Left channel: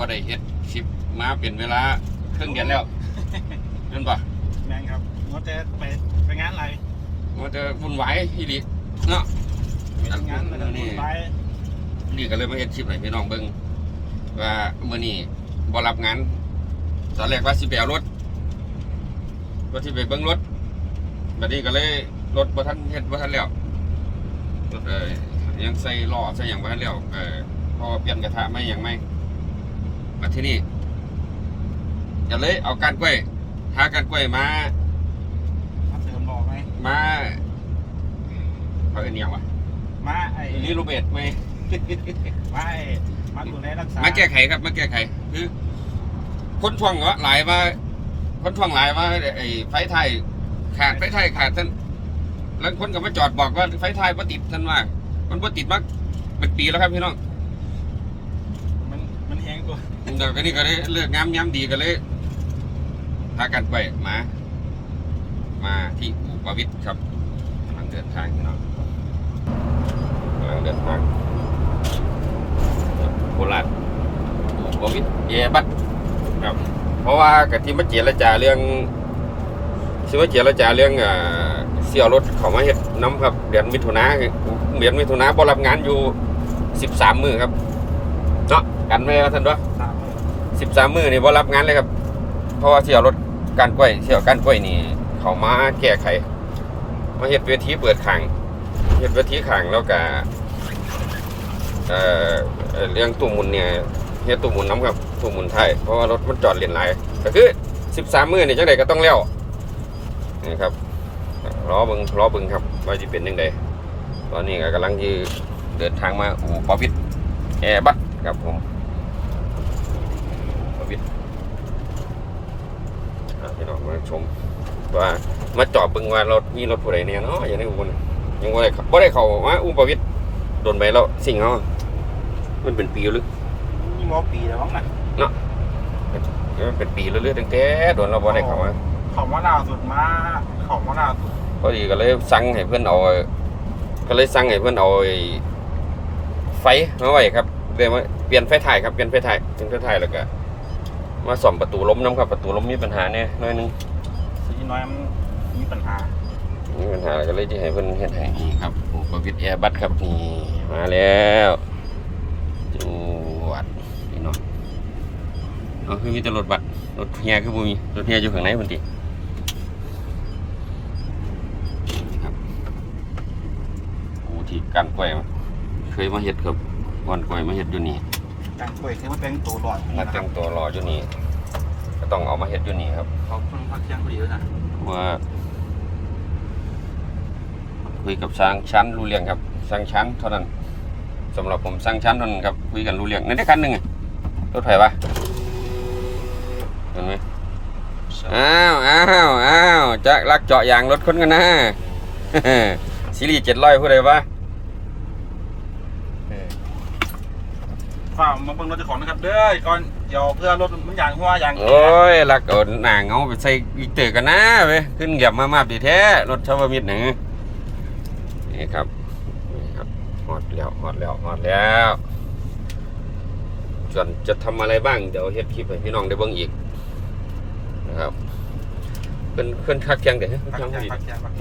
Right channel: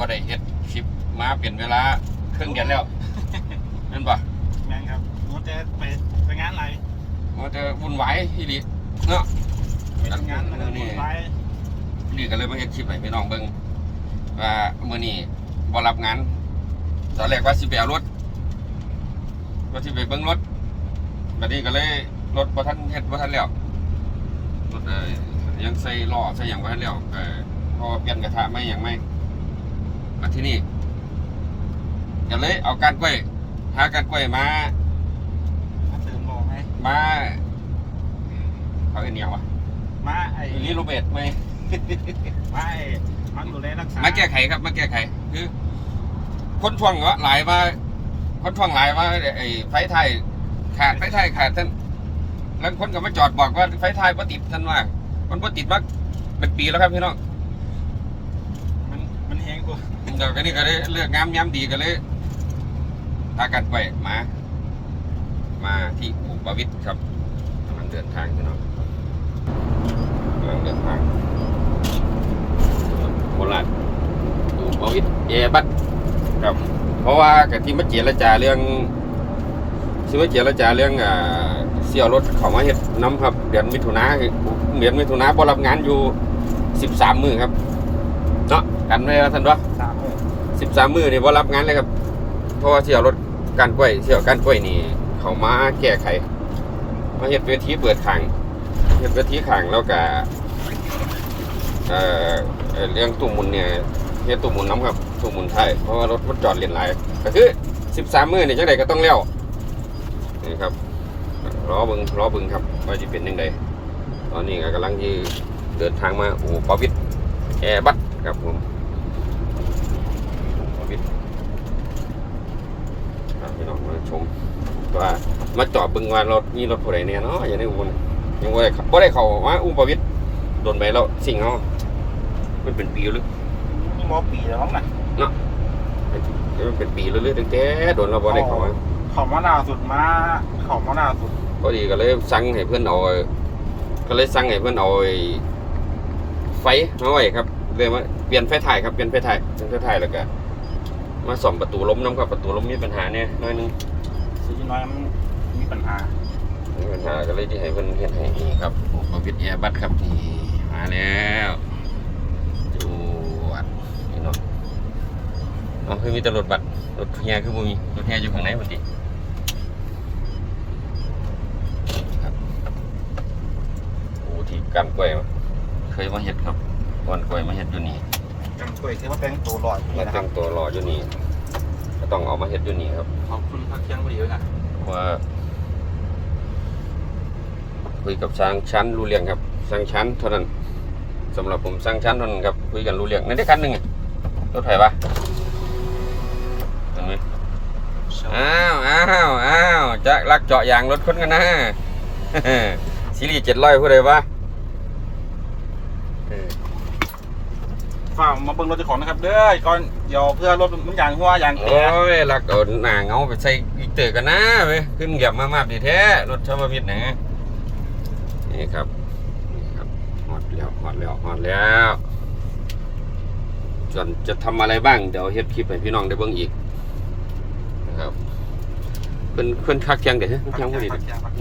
งจากว่าได้เฮ็ดคลิปมาเป็นเวลาครึ่งเดือนแล้วนั่นปะงานครับว่าจะไปไปงานอะไรมันจะวุ่นวายที่ดีเนาะไปงานนะครับนี่ไปนี่ก็เลยมาเฮ็ดคลิปให้พี่น้องเบิ่งว่ามื้อนี้บ่รับงานตอนแรกว่าสิไปเอารถว่าสิไปเบิ่งรถบัดนี้ก็เลยรถบ่ทันเฮ็ดบ่ทันแล้วรถเอ่อยังใส่ล้อใส่หยังบ่ทันแล้วเอ่อพอเปลี่ยนกระทะไม่หยังไม่ มาที่นี่ก็เลยเอาการกล้วยหาการกล้วยมามาเติมบอกไหมมาเขาเอ็นเหนียวอะมาไอ้นี่รูเบตไหมมาไอ้มาดูแลรักษามาแก้ไขครับมาแก้ไขคือคนทวงเหรอหลายว่าคนทวงหลายว่าไอ้ไฟไทยขาดไฟไทยขาดท่านแล้วคนก็มาจอดบอกว่าไฟไทยบ่ติดท่านว่ามันบ่ติดมาเป็นปีแล้วครับพี่น้องมันมันแห้ง กว่าเดี๋ยวก็นี่ก็เลยเลือกงามย้ำดีก็เลยพากันไปมา มาที่อู่ประวิทย์ครับกำลังเดินทางพี่น้องกำลังเดินทางโคราชอู่ประวิทย์เอบัตครับ เพราะว่ากะที่มาเจรจาเรื่องที่มาเจรจาเรื่องอ่าเสี่ยวรถเขามาเฮ็ดน้ำครับเดือนมิถุนาเดือนมิถุนาบ่รับงานอยู่สิบสามมือครับเนาะกันไว้แล้วท่านด้วย สิบสามมือนี่บ่รับงานเลยครับ เพราะว่าเสี่ยวรถการกล้วยเสี่ยวการกล้วยนี่ เขามาแก้ไขมาเฮ็ดเวทีเปิดขังเฮ็ดเวทีขังแล้วก็เอ่อเอ่อเรื่องตู้หมุนเนี่ยเฮ็ดตู้หมุนน้ำครับตู้หมุนไทยเพราะว่ารถมันจอดเลนหลก็คือสิบสามมือนี่จังไดก็ต้องเลี้ยวนี่ครับล้อบึงล้อบึงครับว่าจะเป็นยังไงตอนนี้ก็กำลังที่เดินทางมาอู่ปอวิทแอร์บัสครับผม ประวิตรอ่า พี่น้องมาชมว่ามาจอดเบึงว่ารถมีรถผู้ใดเนี่ยเนาะอย่างในอุบลยังบ่ได้เข้าบ่ได้เข้ามาอุ้มประวิตรโดนไปแล้วสิ่งเนาะมันเป็นปีหรือนี่มอปีแล้วน้องน่ะมันเป็นปีเรื่อยๆตั้งแต่โดนเราบ่ได้เข้ามาเขามาหน้าสุดมาเขามาหน้าสุดพอดีก็เลยสั่งให้เพื่อนเอาก็เลยสั่งให้เพื่อนเอาไอ้ไฟมาไว้ครับเลยมาเปลี่ยนไฟถ่ายครับเปลี่ยนไฟถ่ายเปลี่ยนไฟถ่ายแล้วก็ มาซ่อมประตูล้มน้ำครับประตูล้มมีปัญหาเนี่ยน้อยหนึงสีน้อยมันมีปัญหามีปัญหาก็เลยจะให้เพิ่นเฮ็ดให้นี่ครับโอ้ประวิตรแอร์บัสครับนี่มาแล้วจวดนี่เนาะเอ๋อคือมีแต่รถบัสรถเฮียคือบ่มีรถเฮียอยู่ข้างในพุ่นติครับโอ้ที่กันกล้วยเคยมาเฮ็ดครับก่อนกล้วยมาเฮ็ดอยู่นี่ จางช่วยคือมาเป็นตัวหลอดมานะคแต่รับงตัวรออยู่นี่ก็ต้องเอามาเฮ็ดอยู่นี่ครับเขาคนพักเชียงพอดีแล้วนะว่าคุยกับสร้างชั้นรู้เรื่องครับสร้างชั้นเท่านั้นสำหรับผมสร้างชั้นเท่านั้นครับคุยกันรู้เรื่องในได้คันหนึ่งอะรถไฟปะเห็นไหม อ้าวอ้าวอ้าวจะลักเจาะยางรถคนกันนะ ซีรีส์เจ็ดร้อยผู้ใดวะเออ ฝามาเบิ่งรถเจ้าของนะครับเด้อก่อนเดี๋ยวเพื่อรถมันยางหัวยางโอ้ยหลักเอาหนาเงาไปใส่อีเตอกันนะเว้ยขึ้นเหยียบมามาดีแท้รถชาวมิตรนี่นี่ครับนี่ครับหอดแล้วหอดแล้วหอดแล้วส่วนจะทำอะไรบ้างเดี๋ยวเฮ็ดคลิปให้พี่น้องได้เบิ่งอีกนะครับเพิ่นเพิ่นพักเที่ยงเด้อเฮ้ยเพิ่นเที่ยงพอดี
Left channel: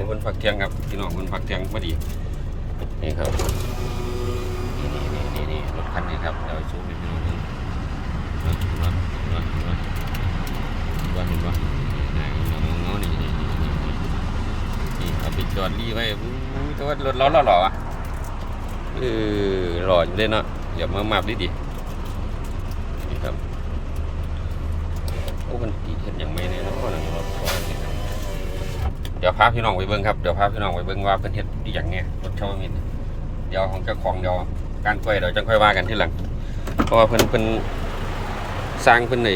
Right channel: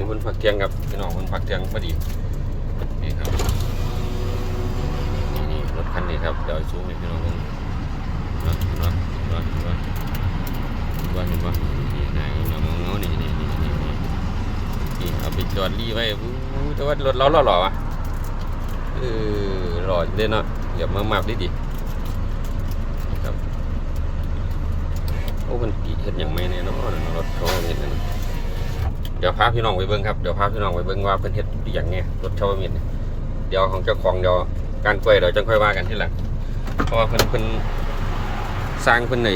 เพิ่นพักเที่ยงครับพี่น้องเพิ่นพักเที่ยงพอดีนี่ครับ ครับเดี๋ยวชูให้พี่น้องเบิ่งเห็นะนะเห็นะเห็นะเห็นปะนี่หนาเงาเงาๆนี่นี่นี่นี่นี่นี่เอาไปจอดรีไว้อู้แต่ว่ารถเราหล่อๆอะเออหล่ออยู่เลยเนาะอย่ามามาบดิดินี่ครับโอ้มันตีเห็นอย่างไม่แน่เนอนรถเขาเห็นกันะเดี๋ยวพาพี่น้องไปเบิ้งครับเดี๋ยวพาพี่น้องไปเบิ้งว่าเป็นเห็ดดีอย่างเนี้ยรถเช่าเนี่ยเดี๋ยวของเจ้าของเดี๋ยว การกล้วยเดี๋ยวจังค่อยว่ากันที่หลัง เพราะว่าเพิ่นเพิ่นสร้างเพิ่นใน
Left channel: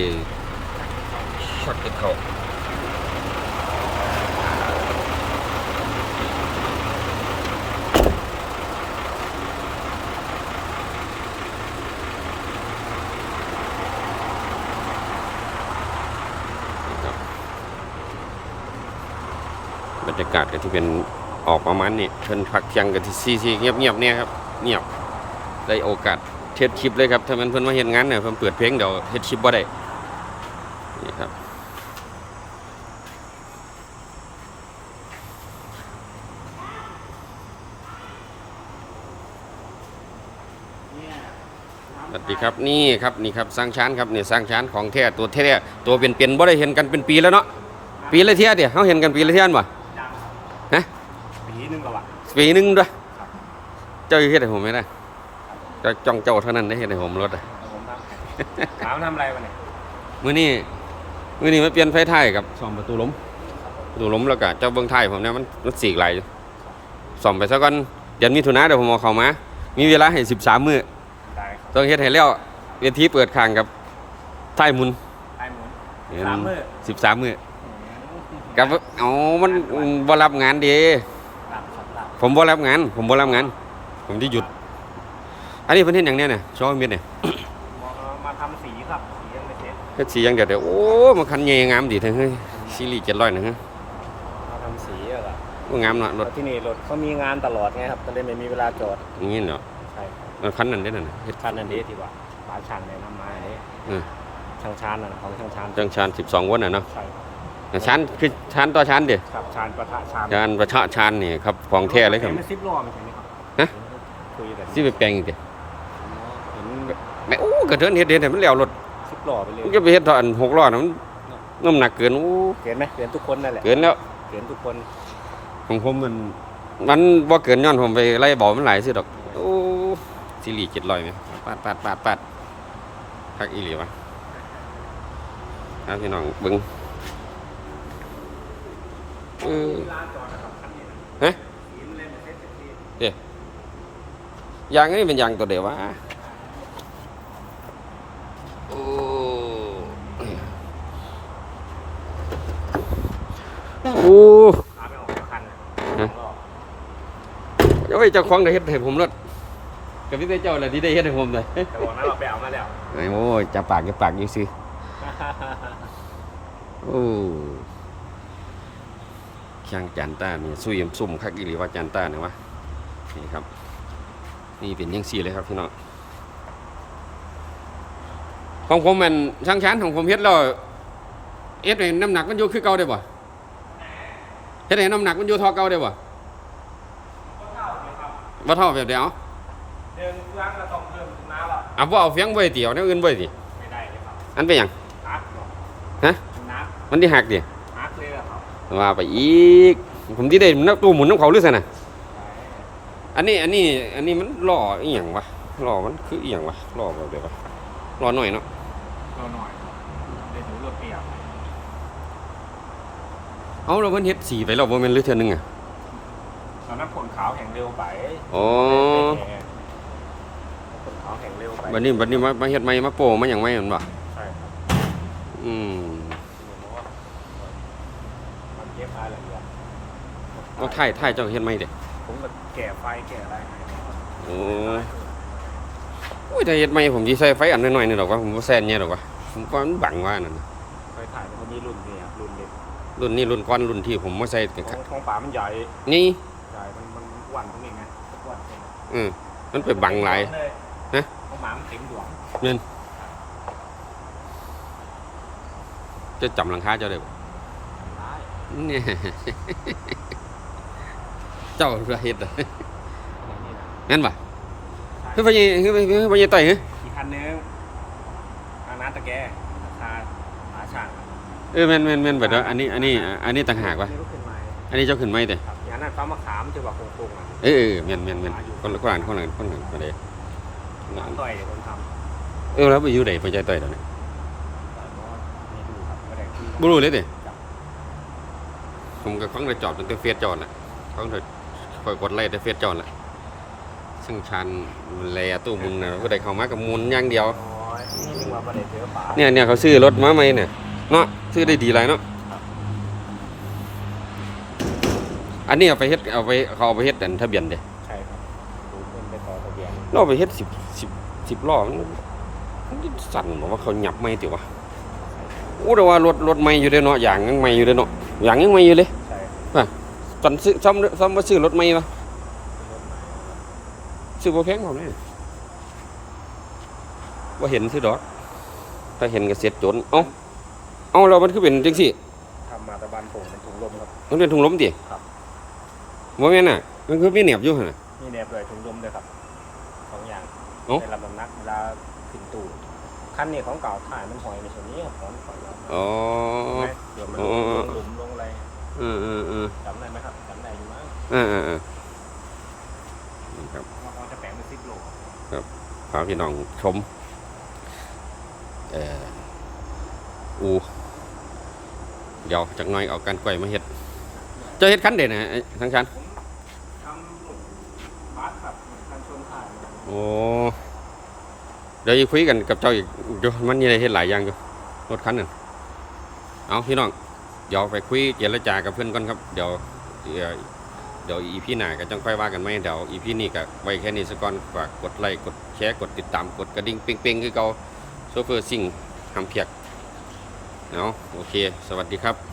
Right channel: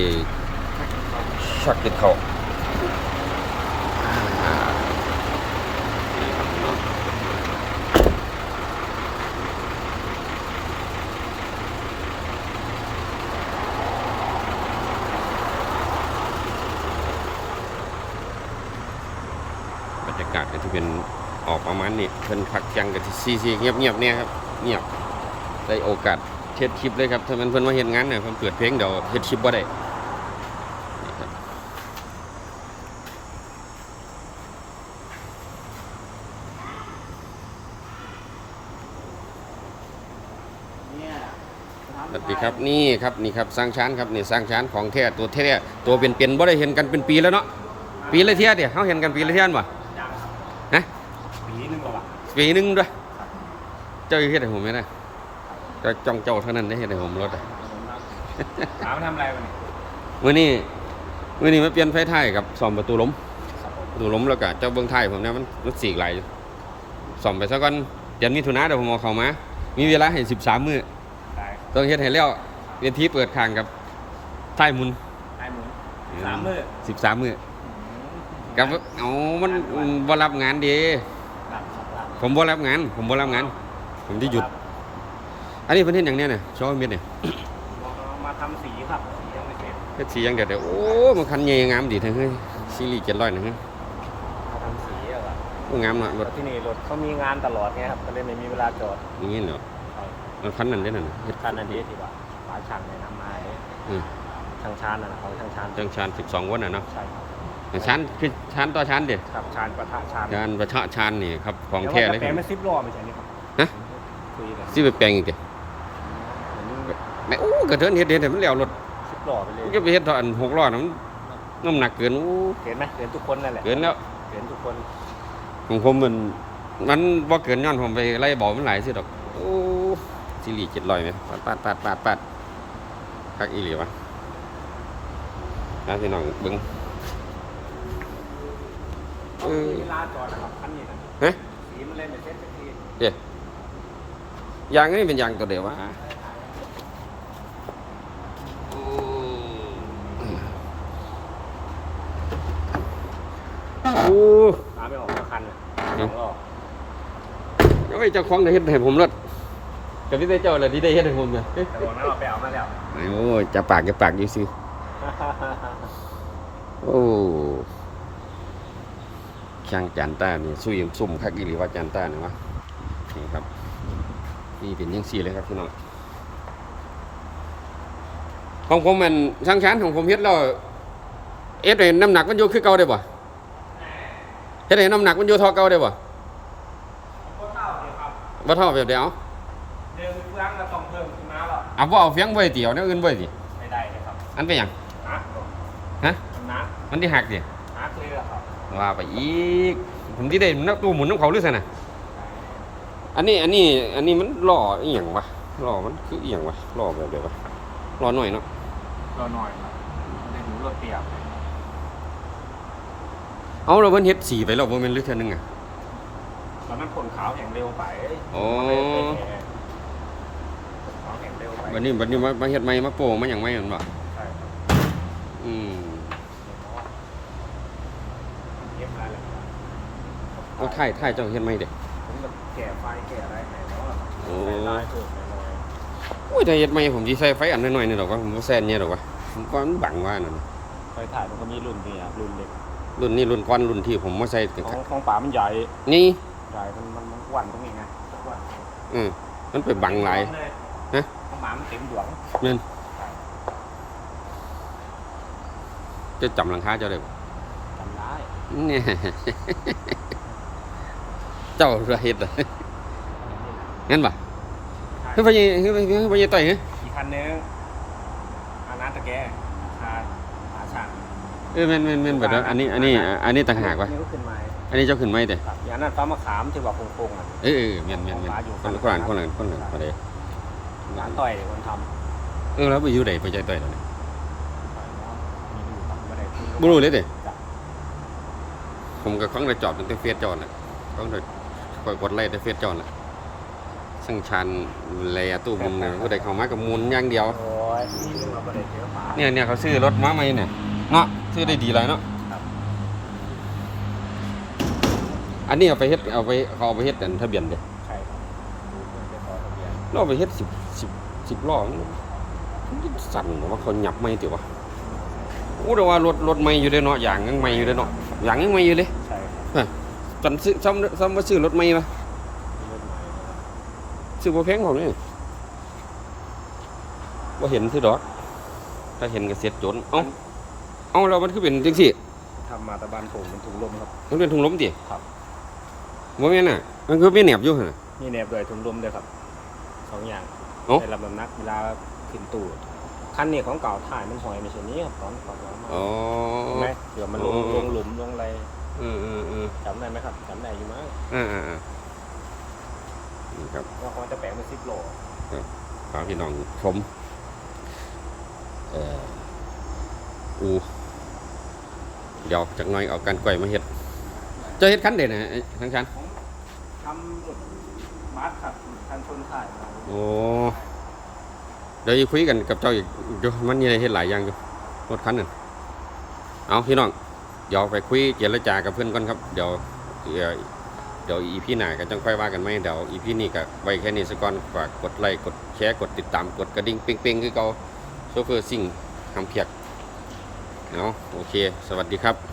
ชักติดเขาบรรยากาศก็จะเป็นออกประมาณนี้เพิ่นพักเที่ยงกันที่ซีซีเงียบเงียบๆเนี่ยครับ เงียบ ได้โอกาสเทสคลิปเลยครับ ถ้ามันเพิ่นมาเห็นงานเนี่ยเพิ่นเปิดเพลงเดี๋ยวเทสคลิปบ่ได้นี่ครับสวัสดีครับนี่ครับนี่ครับสร้างชั้นครับนี่สร้างชั้นของแท้ตัวแท้ตัวเป็นเป็นๆบ่ได้เห็นกันเป็นปีแล้วเนาะปีละเที่ยเดียวเขาเห็นกันปีละเที่ยนบ่ยังครับฮะปีนึงแล้วอะปีหนึงด้วยครับเจ้าเฮ็ดให้ผมไหมนะครับ ก็จ้องเจ้าเท่านั้นได้เฮ็ดให้ผมรถอะผมทำถามทำอะไรวะเนี่ยมื้อนี้มื้อนี้มาเปลี่ยนไฟท้ายกับซ่อมประตูล้มประตูล้มแล้วก็เจ้าเบิ่งท้ายผมเนี่ยมันมันสีกไหลอยู่ซ่อมไปซะก่อนเดือนมิถุนาเดี๋ยวผมเอาเข้ามา มีเวลาให้13มื้อได้ครับต้องเฮ็ดให้แล้วเวทีเปิดข้างกับท้ายหมุนไอ้หมุนสามมือ13มื้อกับเอามันมันบ่รับงานเดีครับครับครับผมบ่รับงาน ผมบ่รับงาน ผมที่หยุด อันนี้เพิ่นเฮ็ดหยังเนี่ยเนี่ยชอมิดเนี่ยมาทำสีครับสียังไม่เสร็จเฮ็ดสีหยังเดี๋ยวเดี๋ยวโอ้มันคันใหญ่งามดีแท้เฮ้ยซีรีส์700นะฮะทำสีเหรอโอ้งามเนาะรถที่นี่รถเขามีงานตลอดไงครับก็เลยไม่มีเวลาจอดอย่างนี้เนาะใช่มันคันนั้นได้นั่นน่ะเฮ็ดคันนั้นเดที่ว่าหาช่างในน้ำไม้อืมช่างชานนะของช่างชานจังชาน12วนน่ะเนาะใช่แต่ชานคือชานต่อชานเด้ครับชานประทะชานชานประชะชานนี่ครับของแท้เลยคแต่รับ ว่าจะแปลงมาซิปล้อไม่ใช่นี่ครับฮะ คุยกันสิไปแปลงอีกเด้เหมือน แม่โอ้กระเทินเฮ็ดเฮ็ดให้มันแล้วรถซิปล้อไปเลยอย่าไปเฮ็ดเท่าอัน6ล้อนะมันน้ำหนักเกินโอ้เกินไหมเกินทุกคนนั่นแหละเกินแล้วเกินทุกคนของผมมัน มันบ่เกินย้อนผมไปไล่เบามันหลายสิดอกโอ้ซีรีส์700แม่ปาดปาดปาดปาดคักอีหลีวะครับพี่น้องเบิ่งเออเวลาจอดครับอันนี้นะฮะสีมันเล่นเป็นเส้นสีเด้ยางนี่เป็นยางตัวเดียววะ โอ้มาไม่ออกสักคันนะฮะล้อเดี๋ยวไอ้เจ้าของได้เฮ็ดให้ผมรถกับที่ได้เจ้าอะไรที่ได้เฮ็ดให้ผมเลยแต่บอกนะว่าไปเอามาแล้วโอ้ยจะปากจะปากอยู่สิโอ้ช่างจันต้าเนี่ยซุยมซุ่มคักอีหลีว่าจันต้าเนี่ยวะนี่ครับ นี่เป็นยังสี่เลยครับพี่น้องของผมมันช่างชั้นของผมเฮ็ดแล้วเอ็ดให้น้ำหนักมันอยู่คือเก่าได้บ่ เฮ็ดให้น้ำหนักมันอยู่เท่าเก่าได้บ่บ่เท่าแบบเดียวเดี๋ยวนึกร่างเราต้องเพิ่มน้ำหรออะบ่เอาเฟียงไว้เตียวแนวอื่นไว้ติไม่ได้เลยครับอันเป็นหยังนักฮะนักมันที่หักดินักเลยเหรอครับว่าไปอีก ผมที่ได้นักตู้หมุนน้ำเขาหรือไงน่ะอันนี้อันนี้อันนี้มันหล่ออีหยังวะหล่อมันคืออีหยังวะหล่อแบบเดียววะหล่อหน่อยเนาะรอหน่อยเดี๋ยวหนูรถเปียก เอาเราเพิ่นเฮ็ดสีไปแล้วบ่แม่นหรือเทื่อนึงไงตอนนั้นผลขาวแข็งเร็วไปโอ้ขาวแข็งเร็วไปบัดนี้บัดนี้มามาเฮ็ดใหม่มาโปะมาหยังใหม่แม่นบ่ใช่อืมมันเย็บมาเลยอะเอาถ่ายถ่ายเจ้าเฮ็ดใหม่เด้ผมก็แก่ไฟแก่อะไรให้แล้วอะโอ้โอ้ยถ้าเฮ็ดใหม่ผมสิใส่ไฟอันน้อยๆนี่ดอกว่าผมบ่แซ่นเนี่ยดอกว่าผมว่ามันบังว่านั่นน่ะเคยถ่ายมันมีรุ่นพี่อะ รุ่นเล็กรุ่นนี้รุ่นก่อนรุ่นที่ผมมาใส่กันของของป่ามันใหญ่นี่ใหญ่มันมันอ้วันตรงนี้ไงตะอ้วันอืมมันไปบังหลายฮะของหมามันเต็มดวงจะจำหลังคาเจ้าได้บ่เนี่ยเจ้าระเฮ็ดอะอะไรนี่นะงั้นป่ะเฮ้ยพ่อใหญ่เฮ้ยพ่อใหญ่พ่อใหญ่ไต่เฮ้ยอีกคันนึงอานาตะแกราคาหาช่างอะ เออแม่นแม่นแม่นแบบอันนี้อันนี้อันนี้ต่างหากวะนี่ก็ขึ้นมาอันนี้เจ้าขึ้นไหมแต่ครับอย่างนั้นฟ้ามะขามที่ว่าโค้งๆอะเออเออแม่นแม่นแม่นคนละคนละคนละคนละมาเลยร้านต่อยคนทเออแล้วไปอยู่ไหนพ่อใหญ่ไต่แล้วนี่ำต่อยมอสไม่รู้ครับไม่ได้คุยกับบ่รู้เลยเด้จ้ะผมกับข้องได้จอดตั้งแต่เฟซจอดแหละข้องได้คอยกดไล่แต่เฟซจอดแหละช่างชันแลตู้มุนน่ะก็ได้เข้ามากับมุนอย่างเดียว โอ้ยนี่ว่าไม่ได้เจอป่าเนี่ยเนี่ยเขาซื้อรถมาใหม่เนี่ยเนาะ ซื้อได้ดีไรเนาะอันนี้เอาไปเฮ็ดเอาไปเขาเอาไปเฮ็ดอันทะเบียนเด้ใช่ครับไปต่อทะเบียนเราเอาไปเฮ็ดสิบสิบสิบล้อมันมันสั่นบอกว่าเขาหยับไม่ติวะโอ้แต่ว่ารถรถไม่อยู่เด้เนาะอย่างยังไม่อยู่เด้เนาะอย่างยังไม่อยู่เลยใช่อตอนซื้อซ่อมซ่อมมาซื้อรถใหม่ปะซื้อบ่แพงผมเนี่ยว่าเห็นซื้อดอกถ้าเห็นก็เสียจนเอ้า เอ้าเรามันคือเป็นจังซี่ทำมาตะบานโถงเป็นถุงลมครับ มันเป็นถุงลมติครับ ว่าแม่นน่ะ มันคือมีแหนบอยู่หั่นน่ะ มีแนบด้วยถุงลมด้วยครับสองอย่างเอ้าในระบบนักเวลาขึ้นตู้คันนี้ของเก่าถ่ายมันสอยในส่วนนี้ครับของอ๋อ เห็นไหมเดี๋ยวมันอ๋อลงหลุมลงอะไรเออเออเออจำได้ไหมครับจำได้อยู่มั้งเออเออเออนี่ครับว่าเขาจะแปลงเป็นซิปโลพาพี่น้องชม เอ่ออูเดี๋ยวจากน้อยเอาการกล้วยมาเฮ็ดเจะเฮ็ดคันเด่นนะทั้งชั้นทำหลุดบัสครับคันชนถ่ายโอ้เดี๋ยวคุยกันกับเจ้าอีกเดี๋ยวมันมีอะไรเฮ็ดหลายอย่างอยู่รถคันหนึ่งเอาพี่น้องเดี๋ยวไปคุยเจรจากับเพื่อนก่อนครับเดี๋ยวเดี๋ยวอีพี่หน้าก็จังค่อยว่ากันไหมเดี๋ยวอีพี่นี่ก็ไว้แค่นี้สักก่อนฝากกดไลค์กดแชร์กดติดตามกดกระดิ่งเป้งๆคือเกาโซเฟอร์ซิ่งทำเพียก เอาโอเค สวัสดีครับ